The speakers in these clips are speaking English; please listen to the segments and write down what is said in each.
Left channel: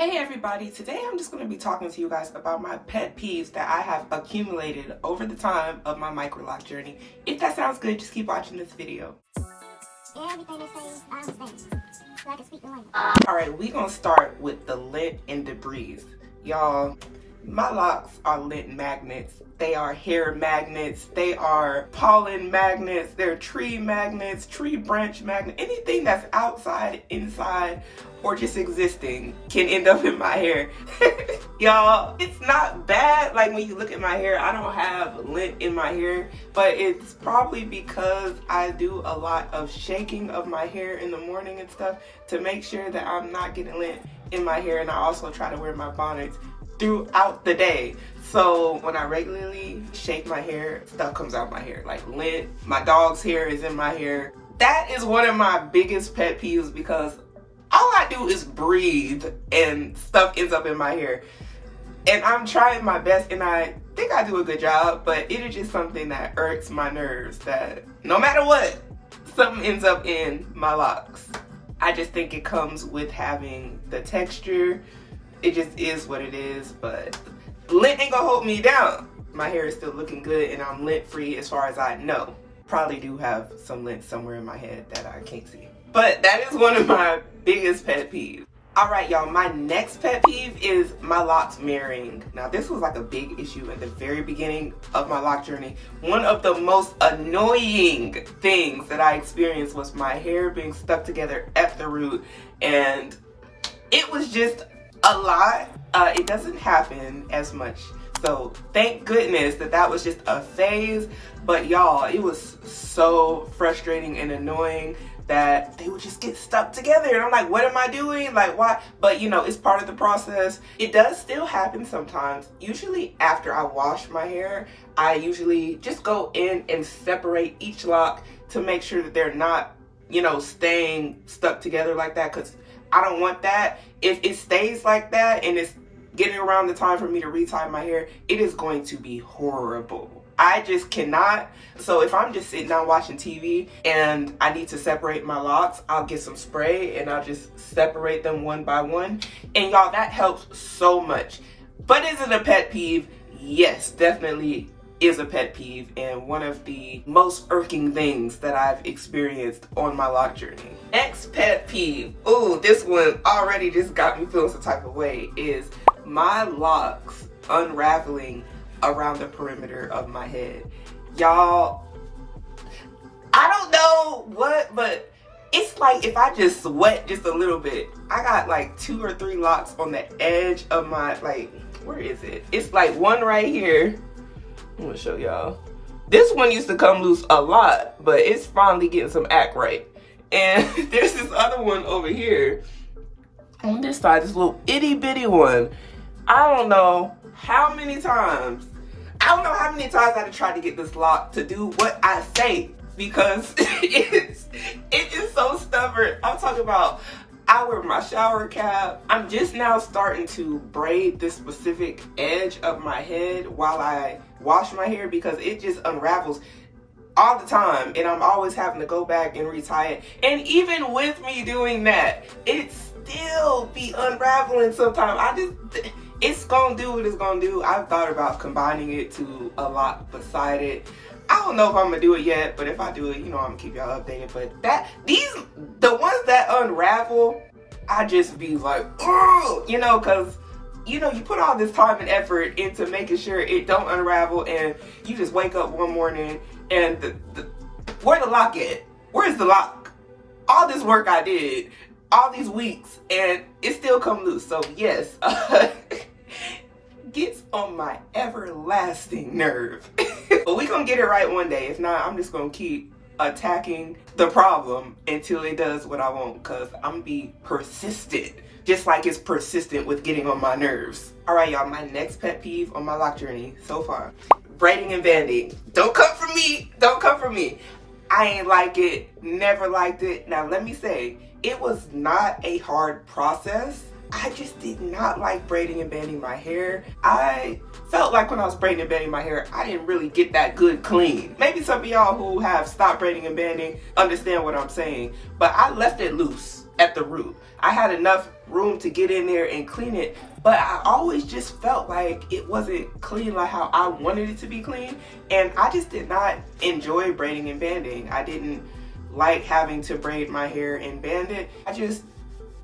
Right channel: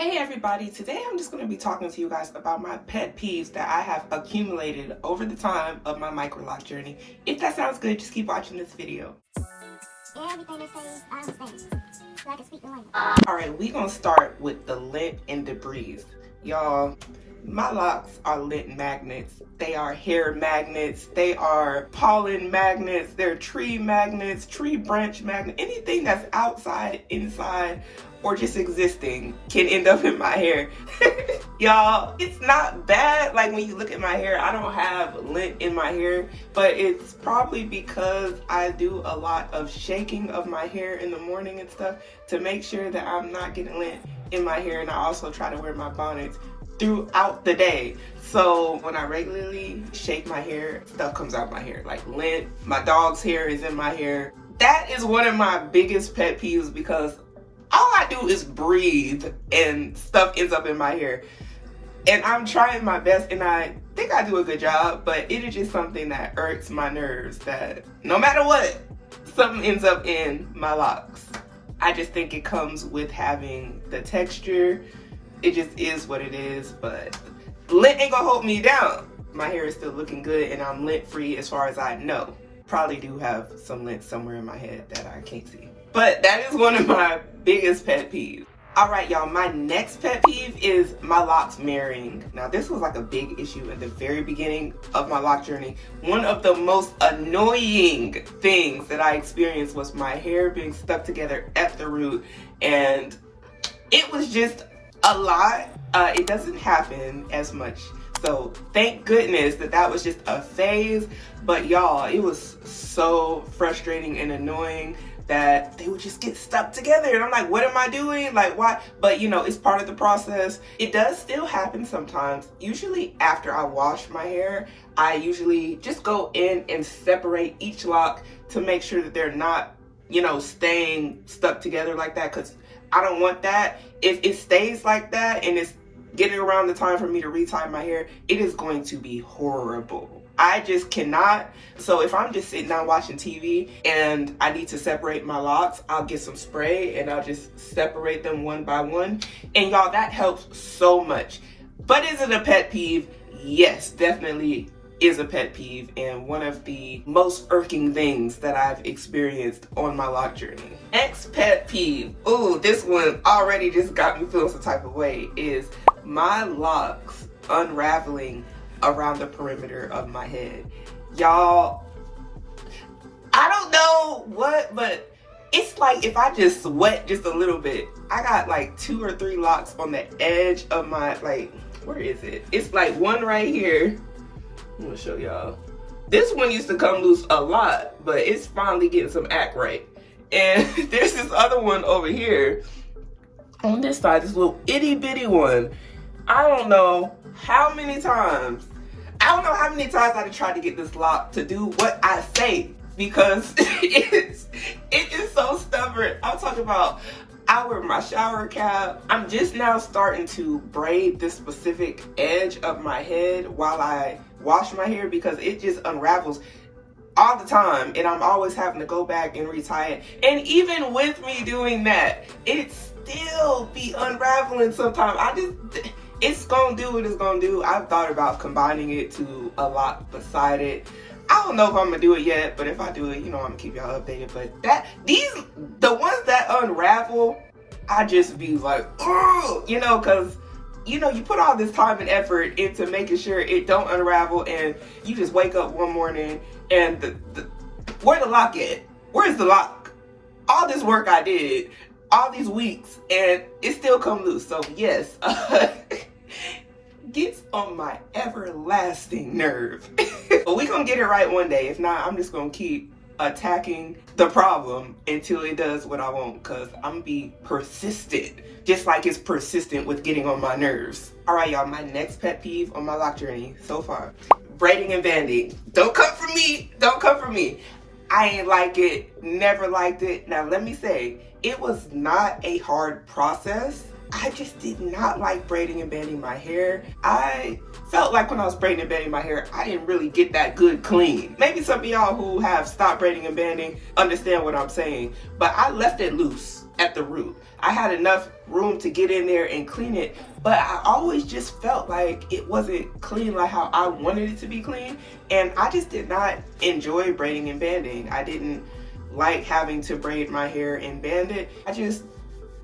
Hey everybody, today I'm just going to be talking to you guys about my pet peeves that I have accumulated over the time of my MICROLOC journey. If that sounds good, just keep watching this video. Everything they say, I understand. So I can speak the language. Alright, we're going to start with the lint and debris. Y'all, my locks are lint magnets. They are hair magnets. They are pollen magnets. They're tree magnets, tree branch magnets. Anything that's outside, inside, or just existing can end up in my hair. Y'all, it's not bad. Like when you look at my hair, I don't have lint in my hair, but it's probably because I do a lot of shaking of my hair in the morning and stuff to make sure that I'm not getting lint in my hair. And I also try to wear my bonnets throughout the day. So when I regularly shake my hair, stuff comes out my hair, like lint. My dog's hair is in my hair. That is one of my biggest pet peeves because all I do is breathe and stuff ends up in my hair. And I'm trying my best and I think I do a good job, but it is just something that irks my nerves that no matter what, something ends up in my locks. I just think it comes with having the texture. It just is what it is, but lint ain't gonna hold me down. My hair is still looking good and I'm lint free as far as I know. Probably do have some lint somewhere in my head that I can't see. But that is one of my biggest pet peeves. Alright y'all, my next pet peeve is my locks mirroring. Now this was like a big issue at the very beginning of my lock journey. One of the most annoying things that I experienced was my hair being stuck together at the root, and it was just a lot. It doesn't happen as much, so thank goodness that was just a phase. But y'all, it was so frustrating and annoying that they would just get stuck together and I'm like, what am I doing? Like, why? But you know, it's part of the process. It does still happen sometimes. Usually after I wash my hair, I usually just go in and separate each lock to make sure that they're not, you know, staying stuck together like that, because I don't want that. If it stays like that and it's getting around the time for me to retie my hair, it is going to be horrible. I just cannot. So if I'm just sitting down watching TV and I need to separate my locks, I'll get some spray and I'll just separate them one by one. And y'all, that helps so much. But is it a pet peeve? Yes, definitely is a pet peeve and one of the most irking things that I've experienced on my lock journey. Next pet peeve, ooh, this one already just got me feeling some type of way, is my locks unraveling around the perimeter of my head. Y'all, I don't know what, but it's like if I just sweat just a little bit, I got like 2 or 3 locks on the edge of my, like, where is it? It's like one right here. I'm gonna show y'all. This one used to come loose a lot, but it's finally getting some act right. And there's this other one over here on this side, this little itty bitty one. I don't know how many times I've tried to get this lock to do what I say, because it is so stubborn. I'm talking about, I wear my shower cap. I'm just now starting to braid this specific edge of my head while I wash my hair because it just unravels all the time and I'm always having to go back and retie it. And even with me doing that, it still be unraveling sometimes. It's gonna do what it's gonna do. I've thought about combining it to a lock beside it. I don't know if I'm gonna do it yet, but if I do it, you know, I'm gonna keep y'all updated. But the ones that unravel, I just be like, oh, you know, cause you know, you put all this time and effort into making sure it don't unravel, and you just wake up one morning and where the lock at? Where's the lock? All this work I did, all these weeks, and it still come loose. So yes, gets on my everlasting nerve. But we gonna get it right one day. If not, I'm just gonna keep attacking the problem until it does what I want, because I'm gonna be persistent, just like it's persistent with getting on my nerves. All right, y'all, my next pet peeve on my lock journey so far: braiding and banding. Don't come for me. Don't come for me. I ain't like it. Never liked it. Now, let me say, it was not a hard process. I just did not like braiding and banding my hair. I felt like when I was braiding and banding my hair, I didn't really get that good clean. Maybe some of y'all who have stopped braiding and banding understand what I'm saying, but I left it loose at the root. I had enough room to get in there and clean it, but I always just felt like it wasn't clean like how I wanted it to be clean, and I just did not enjoy braiding and banding. I didn't like having to braid my hair and band it. I just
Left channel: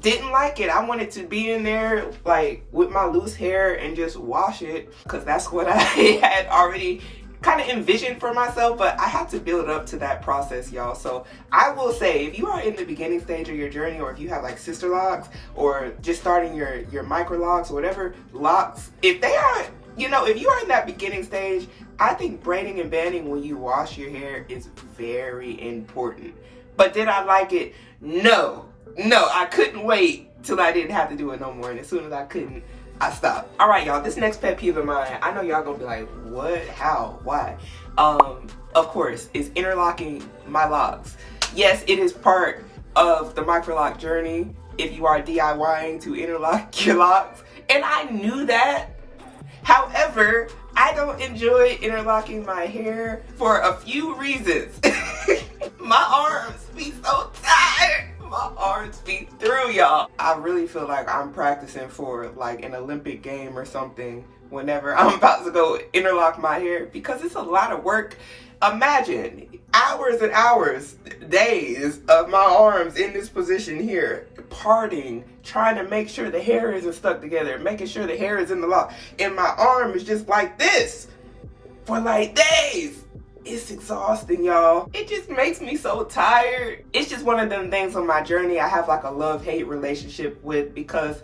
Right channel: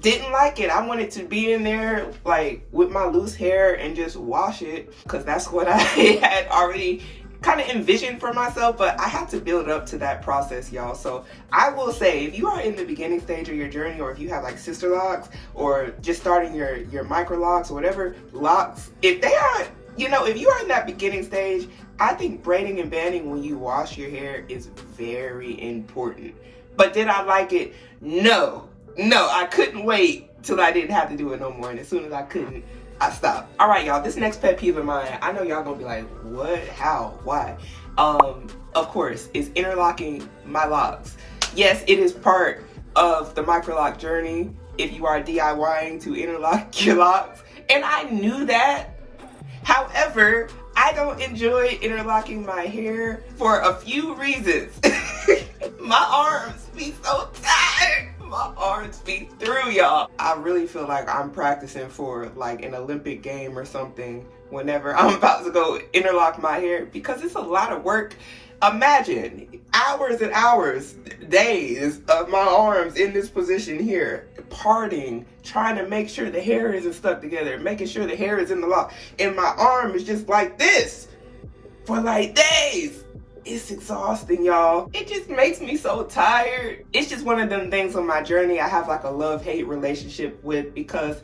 didn't like it. I wanted to be in there like with my loose hair and just wash it, because that's what I had already kind of envisioned for myself, but I had to build up to that process, y'all. So I will say, if you are in the beginning stage of your journey, or if you have like sister locks, or just starting your micro locks or whatever locks, if they are, you know, if you are in that beginning stage, I think braiding and banding when you wash your hair is very important. But did I like it? No, I couldn't wait till I didn't have to do it no more, and as soon as I couldn't, I stopped. All right, y'all, this next pet peeve of mine, I know y'all gonna be like, what, how, why? Of course, is interlocking my locks. Yes, it is part of the MICROLOC journey if you are DIYing to interlock your locks, and I knew that. However, I don't enjoy interlocking my hair for a few reasons. My arms be so tired. My arms be through, y'all. I really feel like I'm practicing for like an Olympic game or something whenever I'm about to go interlock my hair, because it's a lot of work. Imagine hours and hours, days of my arms in this position here, parting, trying to make sure the hair isn't stuck together, making sure the hair is in the lock, and my arm is just like this for like days. It's exhausting, y'all. It just makes me so tired. It's just one of them things on my journey I have like a love-hate relationship with, because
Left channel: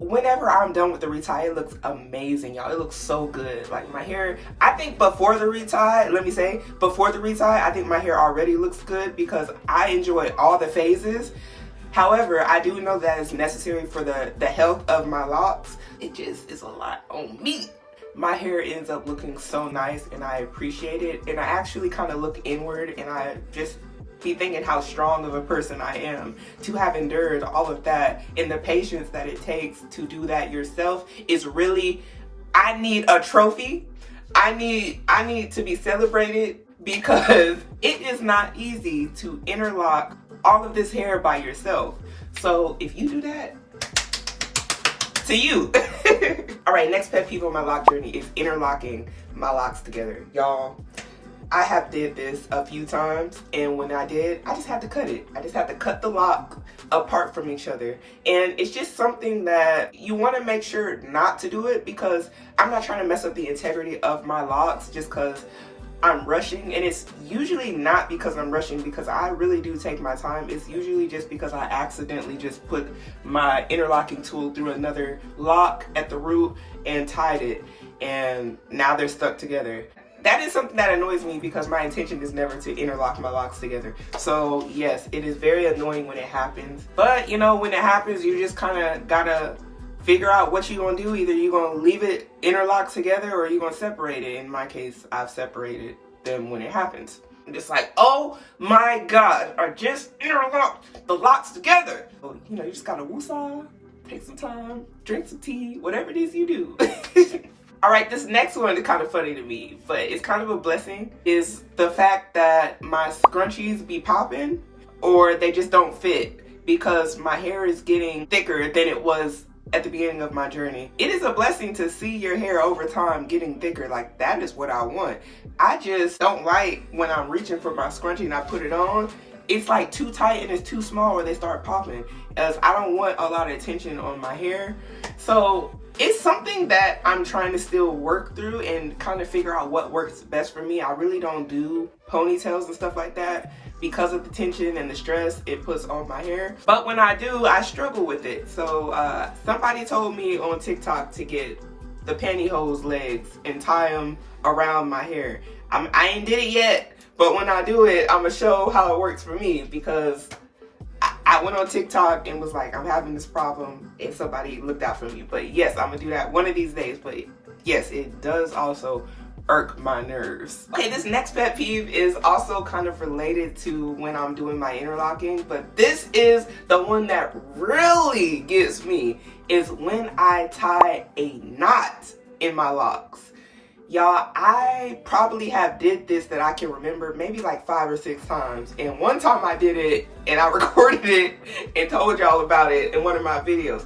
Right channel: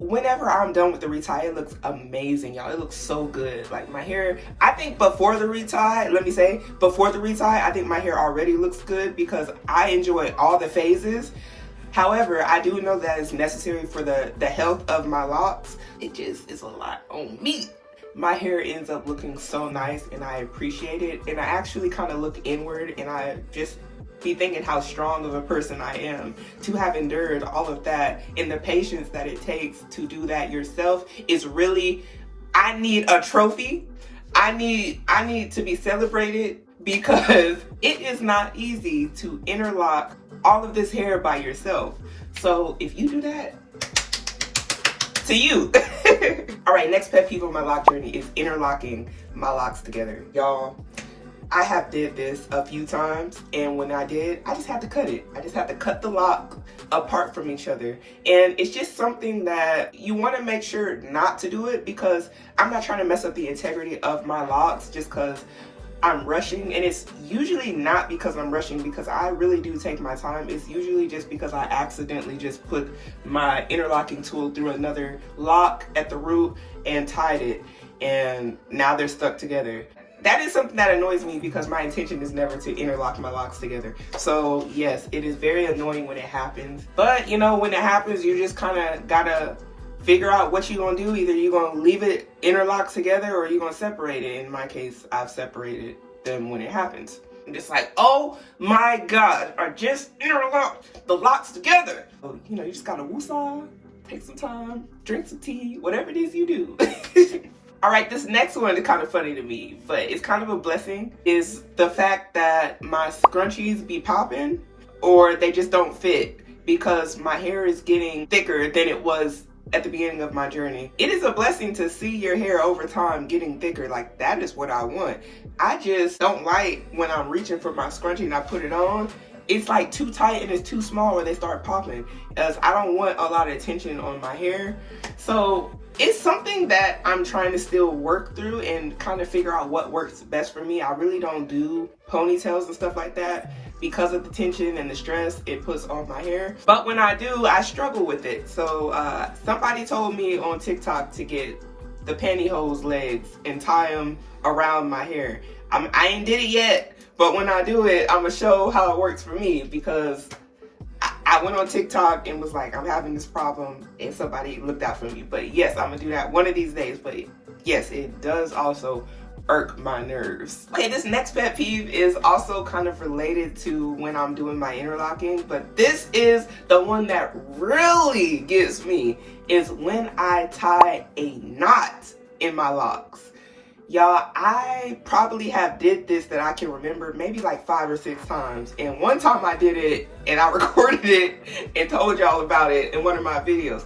whenever I'm done with the retie, it looks amazing, y'all. It looks so good. Like my hair, I think before the retie, before the retie, I think my hair already looks good because I enjoy all the phases. However, I do know that it's necessary for the health of my locks. It just is a lot on me. My hair ends up looking so nice, and I appreciate it, and I actually kind of look inward, and I just be thinking how strong of a person I am to have endured all of that, and the patience that it takes to do that yourself is really, I need a trophy. I need to be celebrated, because it is not easy to interlock all of this hair by yourself. So if you do that, to you. All right, next pet peeve on my lock journey is interlocking my locks together. Y'all, I have did this a few times, and when I did, I just had to cut it. I just had to cut the lock apart from each other. And it's just something that you want to make sure not to do it, because I'm not trying to mess up the integrity of my locks just because I'm rushing. And it's usually not because I'm rushing, because I really do take my time. It's usually just because I accidentally just put my interlocking tool through another lock at the root and tied it, and now they're stuck together. That is something that annoys me, because my intention is never to interlock my locks together. So yes, it is very annoying when it happens. But you know, when it happens, you just kind of gotta figure out what you're gonna do. Either you're gonna leave it interlocked together, or you're gonna separate it. In my case, I've separated them when it happens. And it's like, oh my God, I just interlocked the locks together. Well, you know, you just gotta woosah, take some time, drink some tea, whatever it is you do. All right, this next one is kind of funny to me, but it's kind of a blessing, is the fact that my scrunchies be popping, or they just don't fit, because my hair is getting thicker than it was at the beginning of my journey. It is a blessing to see your hair over time getting thicker. Like, that is what I want. I just don't like when I'm reaching for my scrunchie and I put it on, it's like too tight and it's too small where they start popping, as I don't want a lot of tension on my hair. So it's something that I'm trying to still work through and kind of figure out what works best for me. I really don't do ponytails and stuff like that because of the tension and the stress it puts on my hair. But when I do, I struggle with it. So somebody told me on TikTok to get the pantyhose legs and tie them around my hair. I ain't did it yet, but when I do it, I'm gonna show how it works for me, because I went on TikTok and was like, I'm having this problem, and somebody looked out for me. But yes, I'm gonna do that one of these days. But yes, it does also irk my nerves. Okay, this next pet peeve is also kind of related to when I'm doing my interlocking, but this is the one that really gets me, is when I tie a knot in my locks. Y'all, I probably have did this that I can remember maybe like 5 or 6 times. And one time I did it and I recorded it and told y'all about it in one of my videos.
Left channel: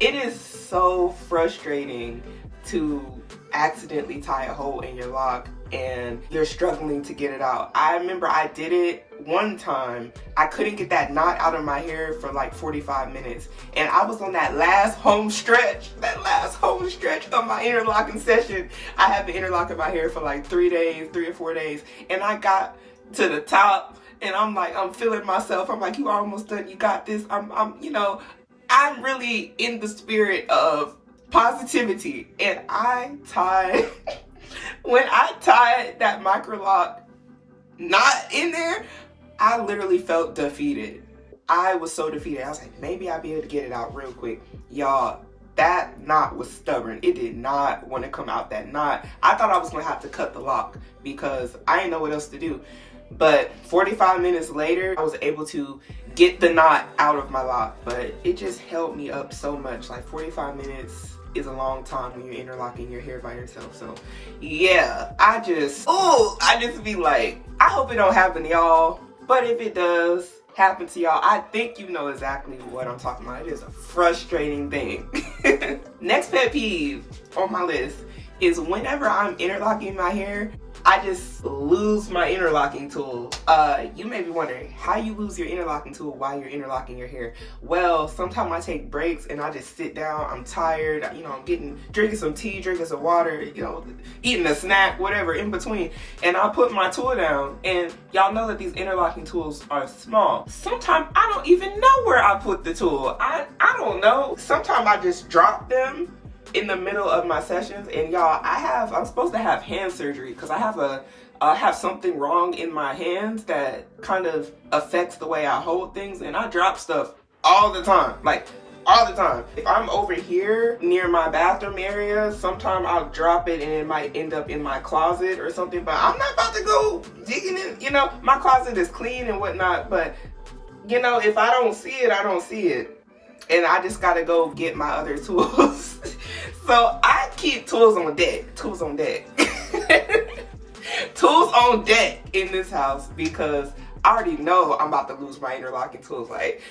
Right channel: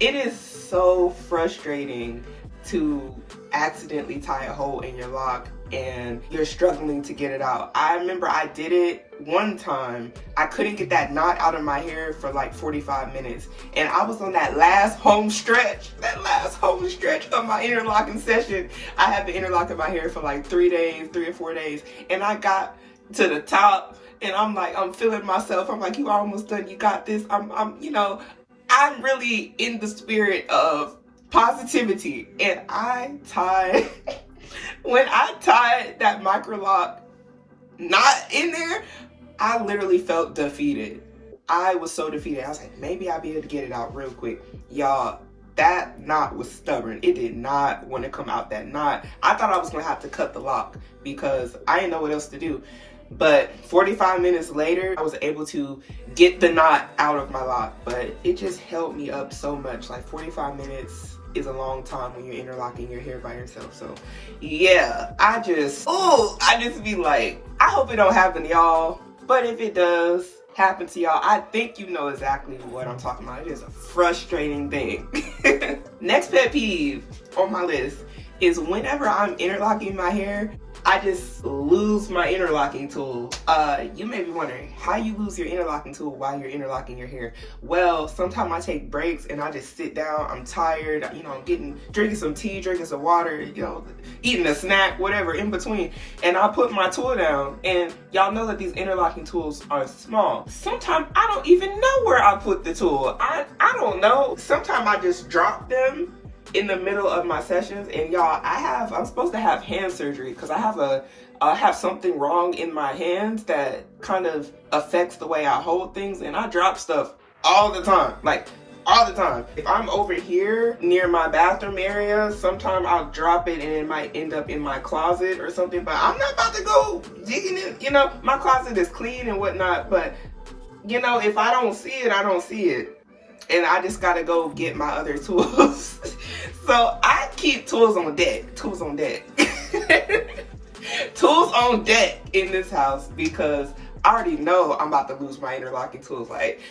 It is so frustrating to accidentally tie a hole in your lock and you're struggling to get it out. I remember I did it one time. I couldn't get that knot out of my hair for like 45 minutes. And I was on that last home stretch of my interlocking session. I had been interlocking my hair for like 3 or 4 days. And I got to the top and I'm like, I'm feeling myself. I'm like, you almost done. You got this. I'm really in the spirit of positivity. And I tied, when I tied that MICROLOC knot in there, I literally felt defeated. I was so defeated. I was like, maybe I'll be able to get it out real quick. Y'all, that knot was stubborn. It did not want to come out, that knot. I thought I was going to have to cut the lock because I didn't know what else to do. But 45 minutes later, I was able to get the knot out of my lock. But it just held me up so much. Like 45 minutes is a long time when you're interlocking your hair by yourself. So yeah, I just be like, I hope it don't happen to y'all. But if it does happen to y'all, I think you know exactly what I'm talking about. It is a frustrating thing. Next pet peeve on my list is whenever I'm interlocking my hair, I just lose my interlocking tool. You may be wondering how you lose your interlocking tool while you're interlocking your hair. Well, sometimes I take breaks and I just sit down. I'm tired. You know, I'm drinking some tea, drinking some water, you know, eating a snack, whatever in between. And I put my tool down. And y'all know that these interlocking tools are small. Sometimes I don't even know where I put the tool. I don't know. Sometimes I just drop them in the middle of my sessions. And y'all, I'm supposed to have hand surgery because I have something wrong in my hands that kind of affects the way I hold things, and I drop stuff all the time, like all the time. If I'm over here near my bathroom area, sometimes I'll drop it and it might end up in my closet or something, but I'm not about to go digging it. You know, my closet is clean and whatnot, but you know, if I don't see it, I don't see it. And I just gotta go get my other tools. So I keep tools on deck. Tools on deck in this house because I already know I'm about to lose my interlocking tools. Like,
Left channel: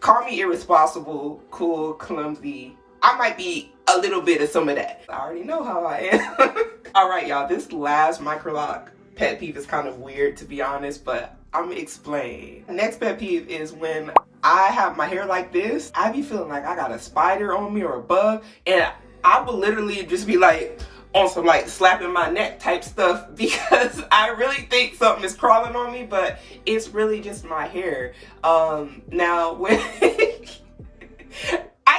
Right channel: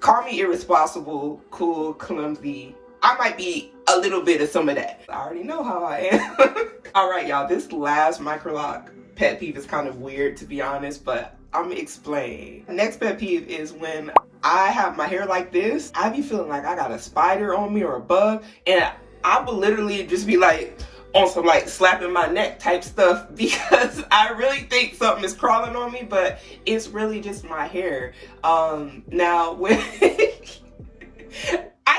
call me irresponsible, cool, clumsy. I might be a little bit of some of that. I already know how I am. All right, y'all, this last MICROLOC pet peeve is kind of weird, to be honest, but I'm gonna explain. Next pet peeve is when I have my hair like this, I be feeling like I got a spider on me or a bug, and I will literally just be like on some like slapping my neck type stuff because I really think something is crawling on me, but it's really just my hair. Now when I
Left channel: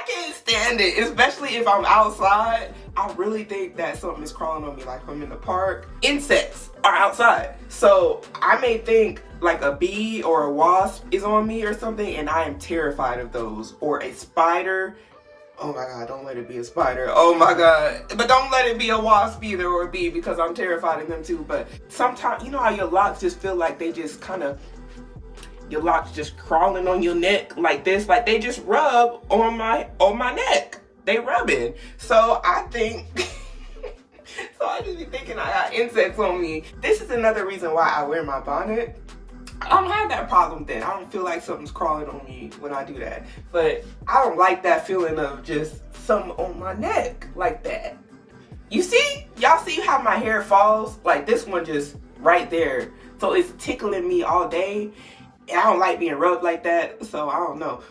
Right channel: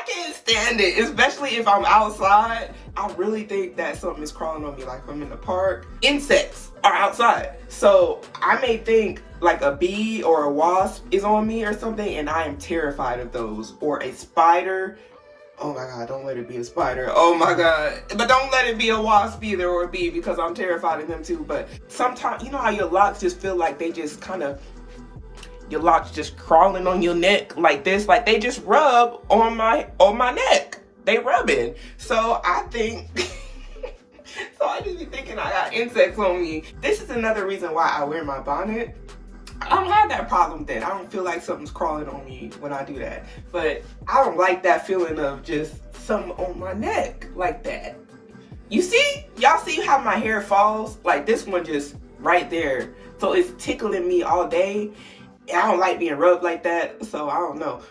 can't stand it, especially if I'm outside. I really think that something is crawling on me, like I'm in the park. Insects are outside. So I may think like a bee or a wasp is on me or something, and I am terrified of those. Or a spider. Oh my God, don't let it be a spider. Oh my God. But don't let it be a wasp either or a bee because I'm terrified of them too. But sometimes, you know how your locks just feel like they just kind of, your locks just crawling on your neck like this, like they just rub on my neck. They rubbing. So I think, so I just be thinking I got insects on me. This is another reason why I wear my bonnet. I don't have that problem then. I don't feel like something's crawling on me when I do that. But I don't like that feeling of just something on my neck like that. You see? Y'all see how my hair falls? Like this one just right there. So it's tickling me all day. I don't like being rubbed like that. So I don't know.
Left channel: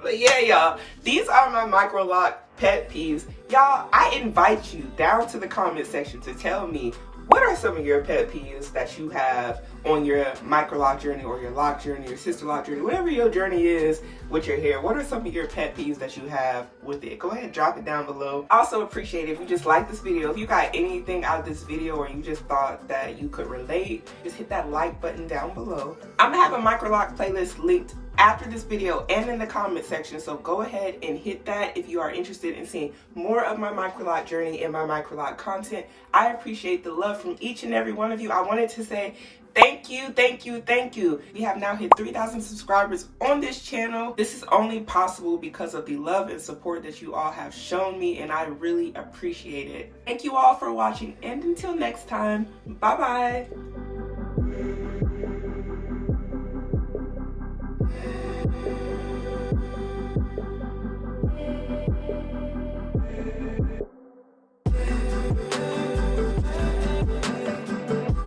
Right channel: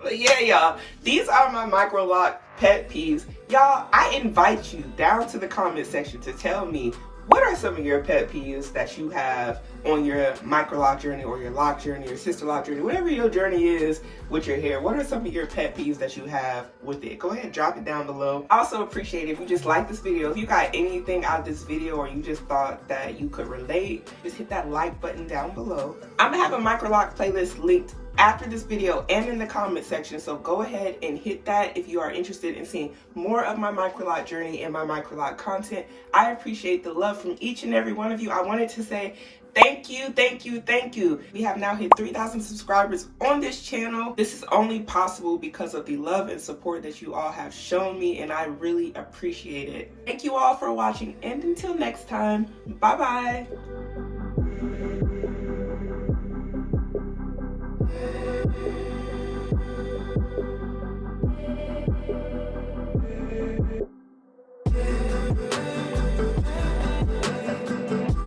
But yeah, y'all, these are my MICROLOC pet peeves. Y'all, I invite you down to the comment section to tell me what are some of your pet peeves that you have on your MICROLOC journey or your lock journey or sister lock journey, whatever your journey is with your hair. What are some of your pet peeves that you have with it? Go ahead, drop it down below. I also appreciate it if you just like this video. If you got anything out of this video or you just thought that you could relate, just hit that like button down below. I'm gonna have a MICROLOC playlist linked after this video and in the comment section, so go ahead and hit that if you are interested in seeing more of my MICROLOC journey and my MICROLOC content. I appreciate the love from each and every one of you. I wanted to say Thank you, thank you, thank you. We have now hit 3,000 subscribers on this channel. This is only possible because of the love and support that you all have shown me, and I really appreciate it. Thank you all for watching, and until next time, bye-bye.